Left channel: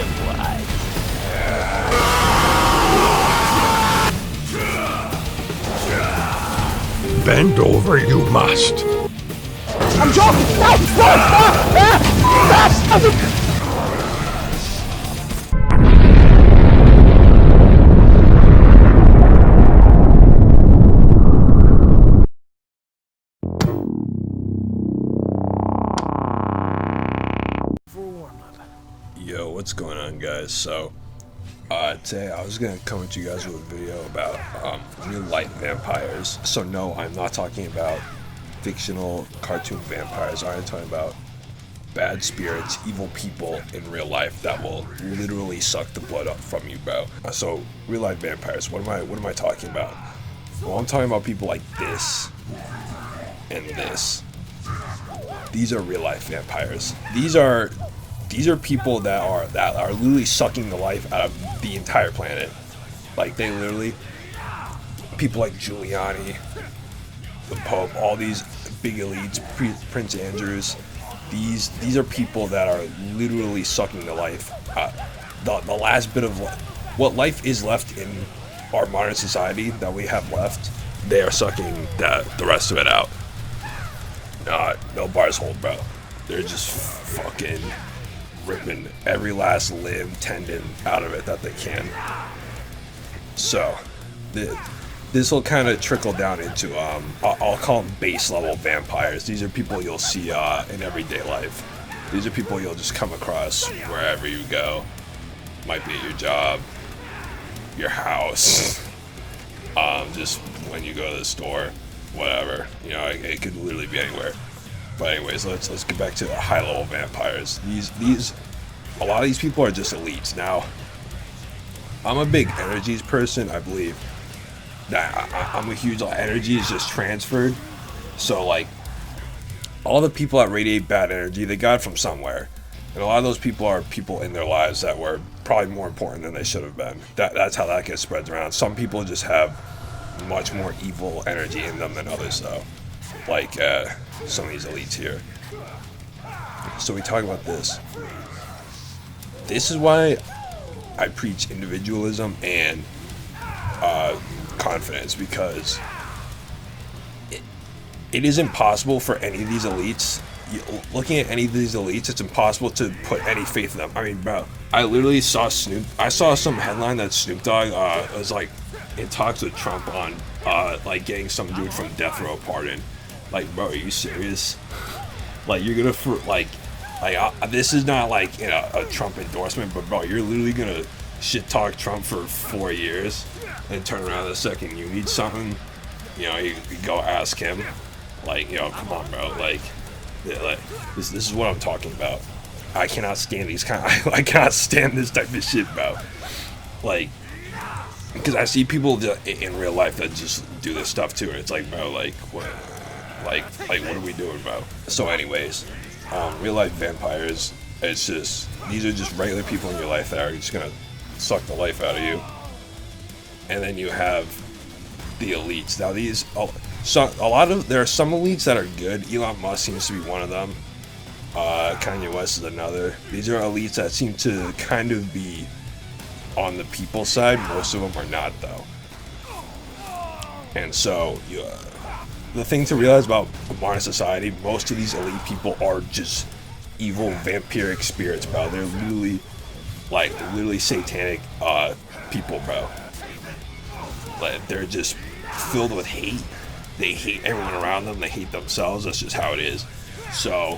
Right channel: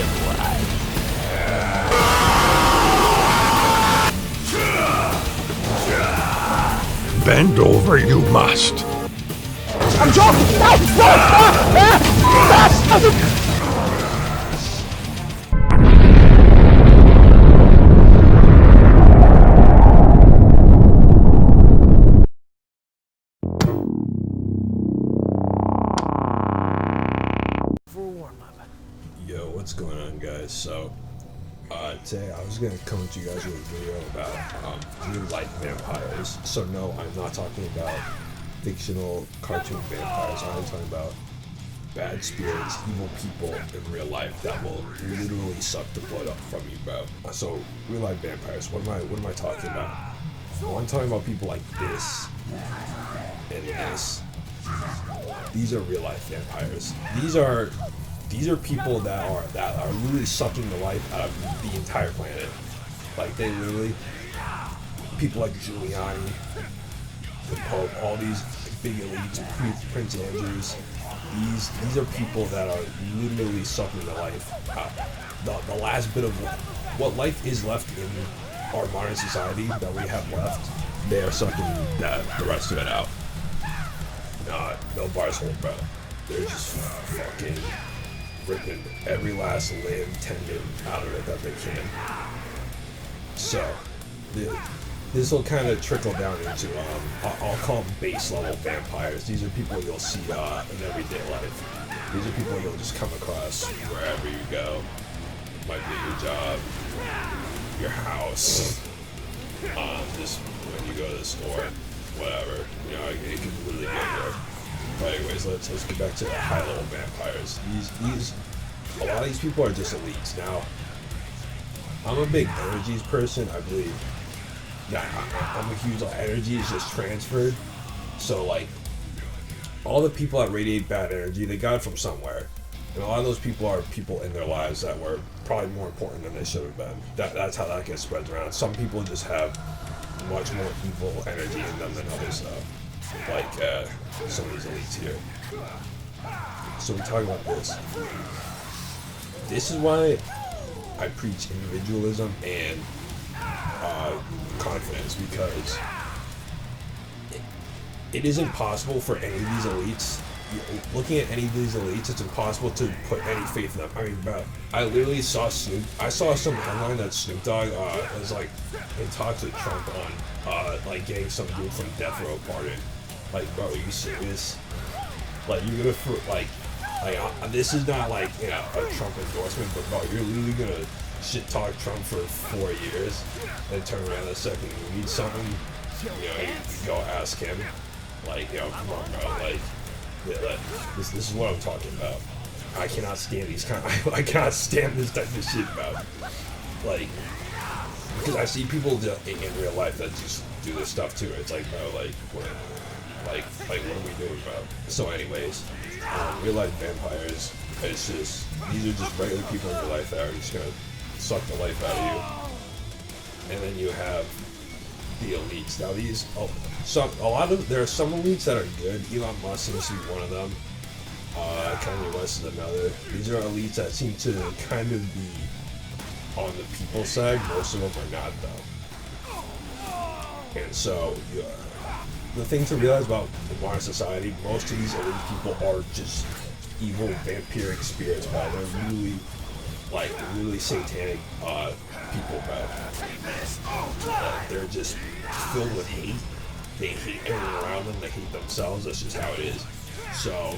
live life. Bend over you must. I'm joking! No! No! For a warm-up. Yo, what's going on, guys? So, today I was gonna come to you guys with a video about real life vampires. So no, I'm not talking about fictional cartoon vampires. I'm talking about bad spirits, evil people in real life that will literally suck the blood up from you, bro. So, real life vampires. What am I talking about? Well, I'm talking about people like this and this. These are real life vampires. These are people that are literally sucking the life out of the entire planet. Like, they literally, people like Giuliani, the Pope, all these big elites, Prince Andrews. These are people that are literally sucking the life out. The last bit of what life is left in our modern society that we have left, they are sucking the rest of it out. No bars hold, bro. They're just fucking ripping every last limb, tendon out of it that they can. So, this will kind of trickle down into, I'll call them base level vampires. These are people you'll see in everyday life. These are people you'll just come across wherever you go. Might be your job, your house, just when you go to the store, whatever. You know, it could literally be anywhere. But anyways, let's get back to the high level vampires. A lot of these people are just elites. Now, I'm a big energies person. I believe that I'm a huge energy is just transferred. So like, all the people that radiate bad energy, they got it from somewhere. And a lot of those people are people in their lives that were probably more important than they should have been. That's how that gets spread around. Some people just have much more evil energy in them than others, though. Like some of these elites here. So we talk about this. This is why I preach individualism and confidence, because it is impossible for any of these elites. Looking at any of these elites, it's impossible to put any faith in them. I mean, bro, I literally saw I saw some headline that Snoop Dogg was like in talks with Trump on like getting some dude from Death Row pardoned. Like, bro, are you serious? Like, you're gonna this is not like, you know, a Trump endorsement, but bro, you're literally gonna shit talk Trump for 4 years and turn around the second you need something, you know, you go ask him. Like, yo, come on, bro. Like, yeah, like this is what I'm talking about. I cannot stand I cannot stand this type of shit, bro. Like, because I see people in real life that just do this stuff too. It's like, bro, like what are we doing, bro? So anyways, real life vampires, it's just, these are just regular people in real life that are just gonna suck the life out of you. And then you have the elites. Now there are some elites that are good. Elon Musk seems to be one of them. Kanye West is another. These are elites that seem to kind of be on the people side. Most of them are not, though. And so, the thing to realize about modern society, most of these elite people are just evil vampiric spirits, bro. They're literally satanic people, bro. They're just filled with hate. They hate everyone around them. They hate themselves. That's just how it is. So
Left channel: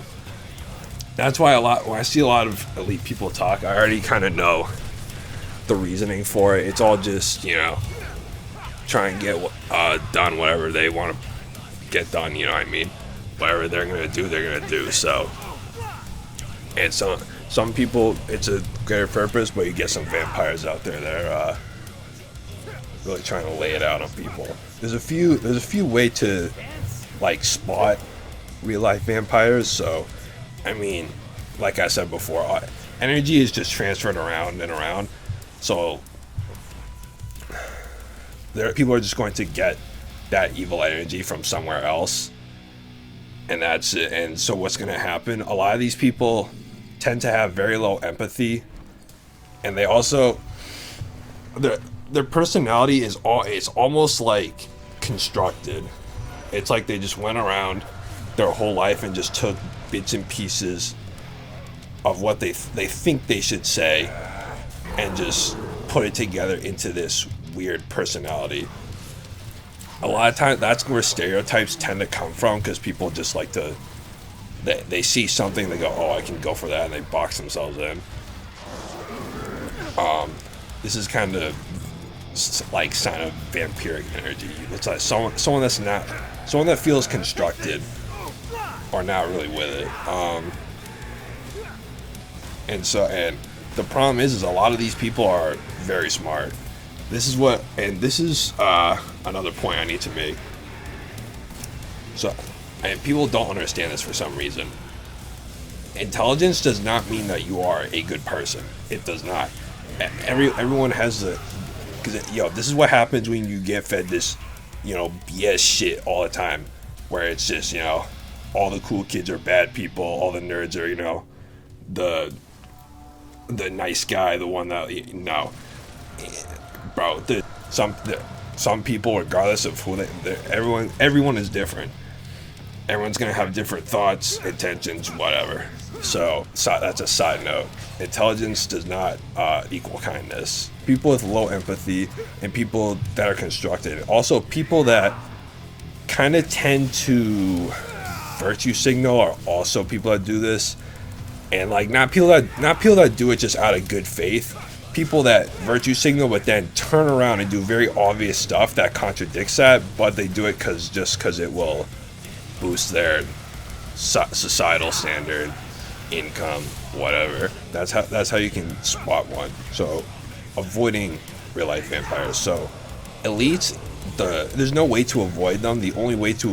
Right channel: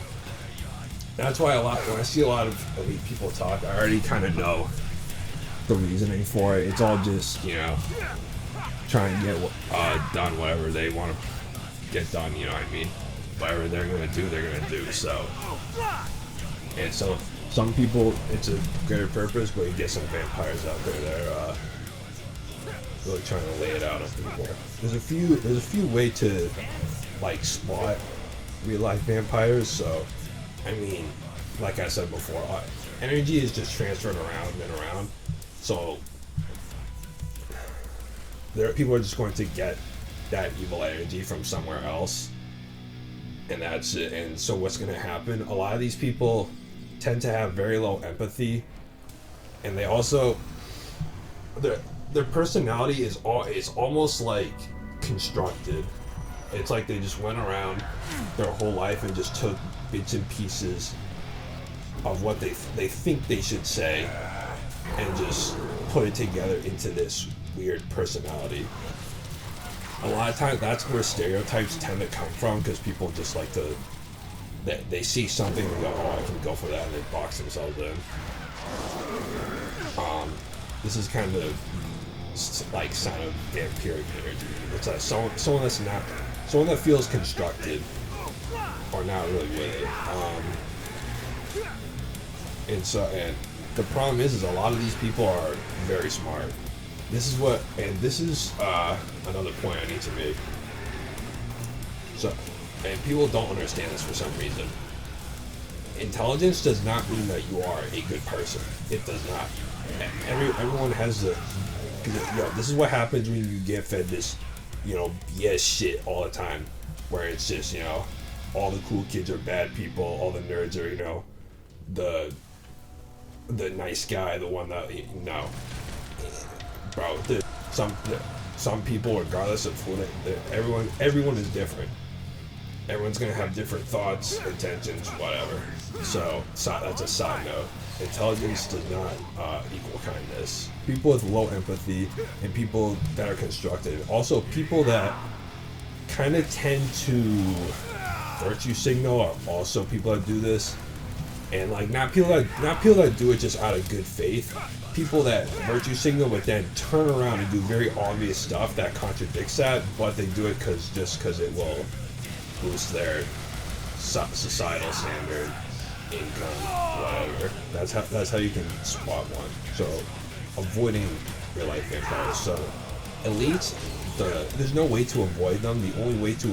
that's why when I see a lot of elite people talk, I already kind of know the reasoning for it. It's all just, you know, try and get done whatever they want to get done. You know what I mean? Whatever they're gonna do, they're gonna do. So, and some people, it's a greater purpose, but you get some vampires out there that are really trying to lay it out on people. There's a few ways to like spot real life vampires. So, I mean, like I said before, energy is just transferred around and around. So people are just going to get that evil energy from somewhere else, and that's it. And so what's going to happen, a lot of these people tend to have very low empathy and they also their personality is almost like constructed. It's like they just went around their whole life and just took bits and pieces of what they think they should say and just put it together into this weird personality. A lot of times that's where stereotypes tend to come from, because people just like to they see something, they go, oh, I can go for that, and they box themselves in. This is kind of like sign of vampiric energy. It's like someone that feels constructed or not really with it. And the problem is a lot of these people are very smart. This is another point I need to make. So, and people don't understand this for some reason. Intelligence does not mean that you are a good person. It does not. Everyone has this is what happens when you get fed this, BS shit all the time, where it's just, all the cool kids are bad people, all the nerds are, the nice guy, the one that, bro, some people, regardless of who everyone is different. Everyone's gonna have different thoughts, intentions, whatever. So that's a side note. Intelligence does not equal kindness. People with low empathy and people that are constructed, also people that kind of tend to virtue signal, are also people that do this. And like not people that do it just out of good faith. People that virtue signal but then turn around and do very obvious stuff that contradicts that, but they do it because it will boost their societal standard, income, whatever. That's how you can spot one. So avoiding real life vampires. So elites, there's no way to avoid them. The only way to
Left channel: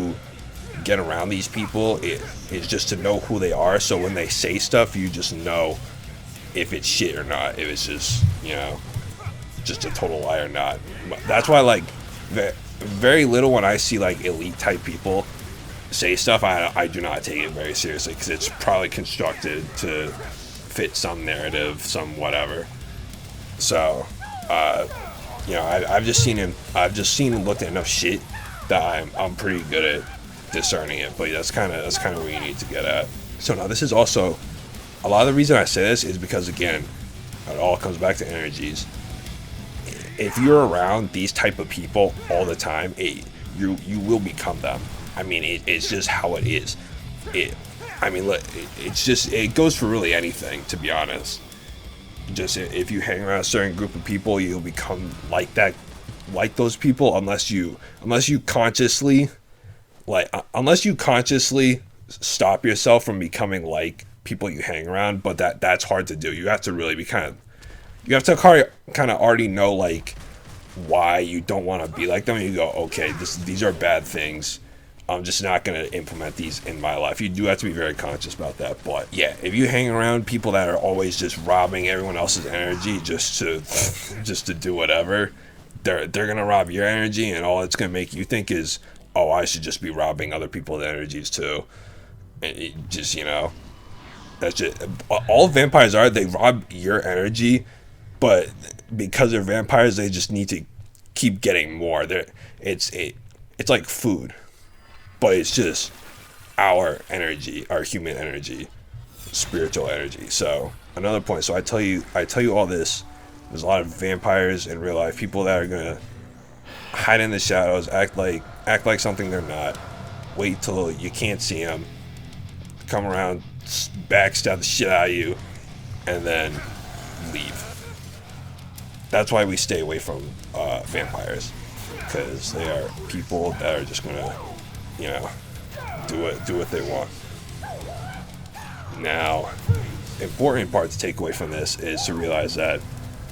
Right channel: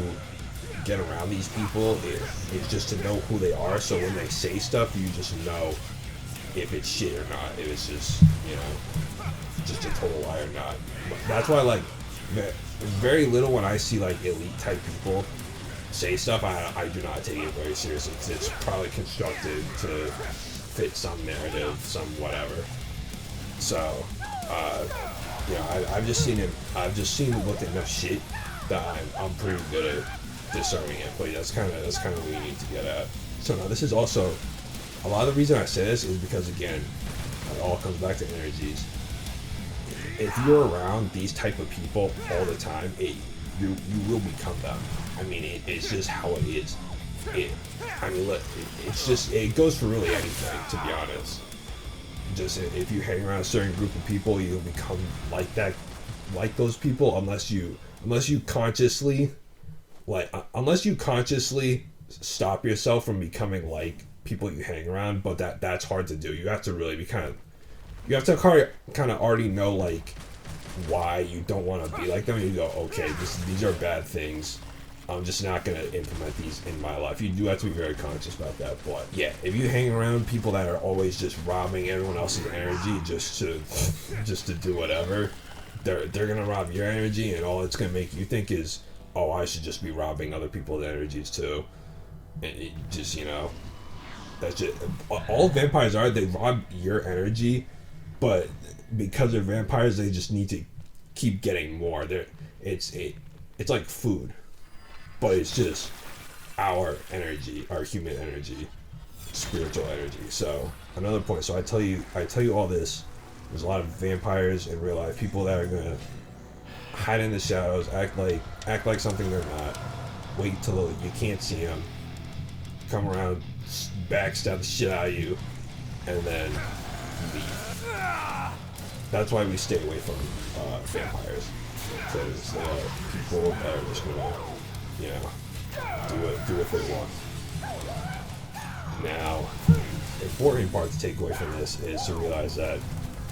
get around these people is just to know who they are. So when they say stuff, you just know if it's shit or not. If it's just just a total lie or not. But that's why like very little when I see like elite type people say stuff, I do not take it very seriously, because it's probably constructed to fit some narrative, some whatever. So, I've just seen him look at enough shit that I'm pretty good at discerning it. But that's kind of what you need to get at. So now this is also a lot of the reason I say this is because, again, it all comes back to energies. If you're around these type of people all the time, you will become them. I mean, it's just how it is. It goes for really anything, to be honest. Just if you hang around a certain group of people, you'll become like that, like those people, unless you consciously stop yourself from becoming like people you hang around. But that's hard to do. You have to really you have to kind of already know like why you don't want to be like them, and you go, okay, these are bad things. I'm just not going to implement these in my life. You do have to be very conscious about that. But yeah, if you hang around people that are always just robbing everyone else's energy just to do whatever, they're going to rob your energy, and all it's going to make you think is, oh, I should just be robbing other people's energies too. And it just, that's just all vampires are. They rob your energy, but because they're vampires, they just need to keep getting more. It's like food. But it's just our energy, our human energy, spiritual energy. So another point. So I tell you all this. There's a lot of vampires in real life. People that are gonna hide in the shadows, act like something they're not. Wait till you can't see them. Come around, backstab the shit out of you, and then leave. That's why we stay away from vampires, because they are people that are just gonna, do what they want. Now, important part to take away from this is to realize that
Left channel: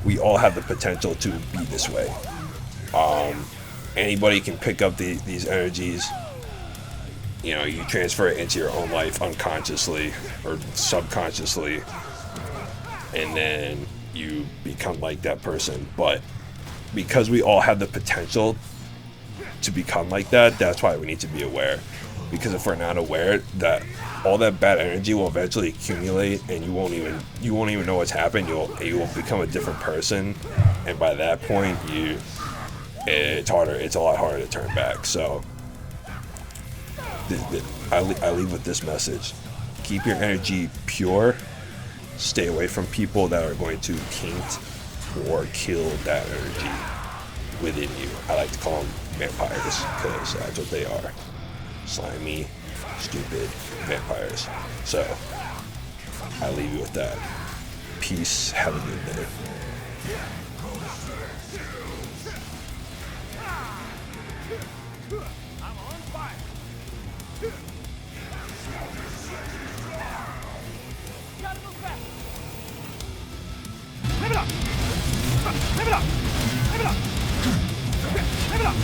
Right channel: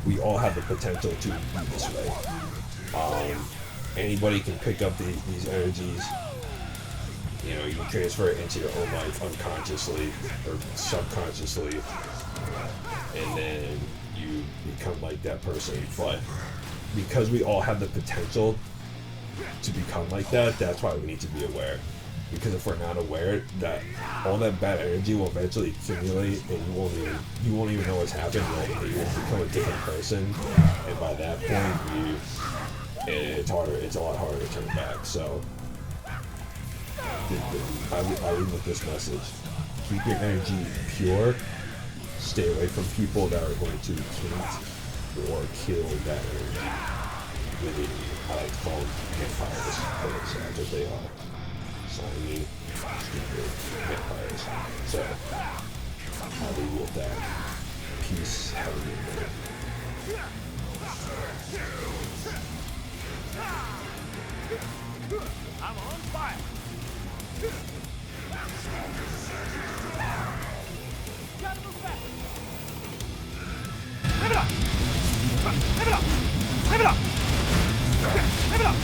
we all have the potential to be this way. Anybody can pick up these energies. You transfer it into your own life unconsciously or subconsciously, and then you become like that person. But because we all have the potential to become like that, that's why we need to be aware. because if we're not aware, that all that bad energy will eventually accumulate, and you won't even know what's happened. You will become a different person, and by that point, it's a lot harder to turn back. So I leave with this message: keep your energy pure. Stay away from people that are going to taint or kill that energy within you. I like to call them vampires because that's what they are. Slimy, stupid vampires. So I leave you with that. Peace. Have a good day. I'm on fire. Gotta move fast. Rev it up. Rev it up. Rev it up. Rev it up.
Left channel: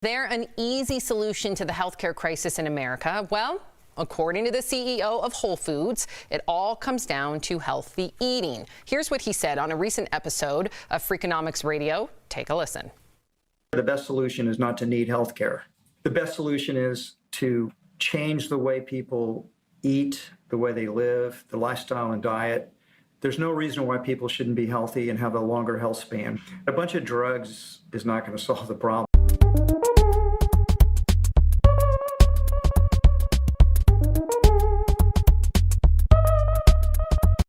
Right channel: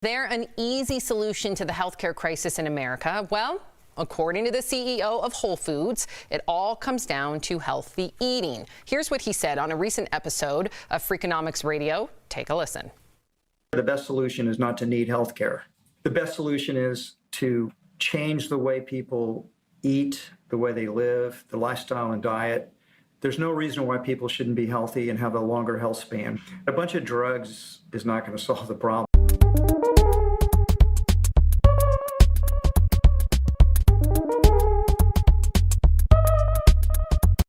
There an easy solution to the healthcare crisis in America? Well, according to the CEO of Whole Foods, it all comes down to healthy eating. Here's what he said on a recent episode of Freakonomics Radio. Take a listen. The best solution is not to need healthcare. The best solution is to change the way people eat, the way they live, the lifestyle and diet. There's no reason why people shouldn't be healthy and have a longer health span. A bunch of drugs is not going to solve the problem.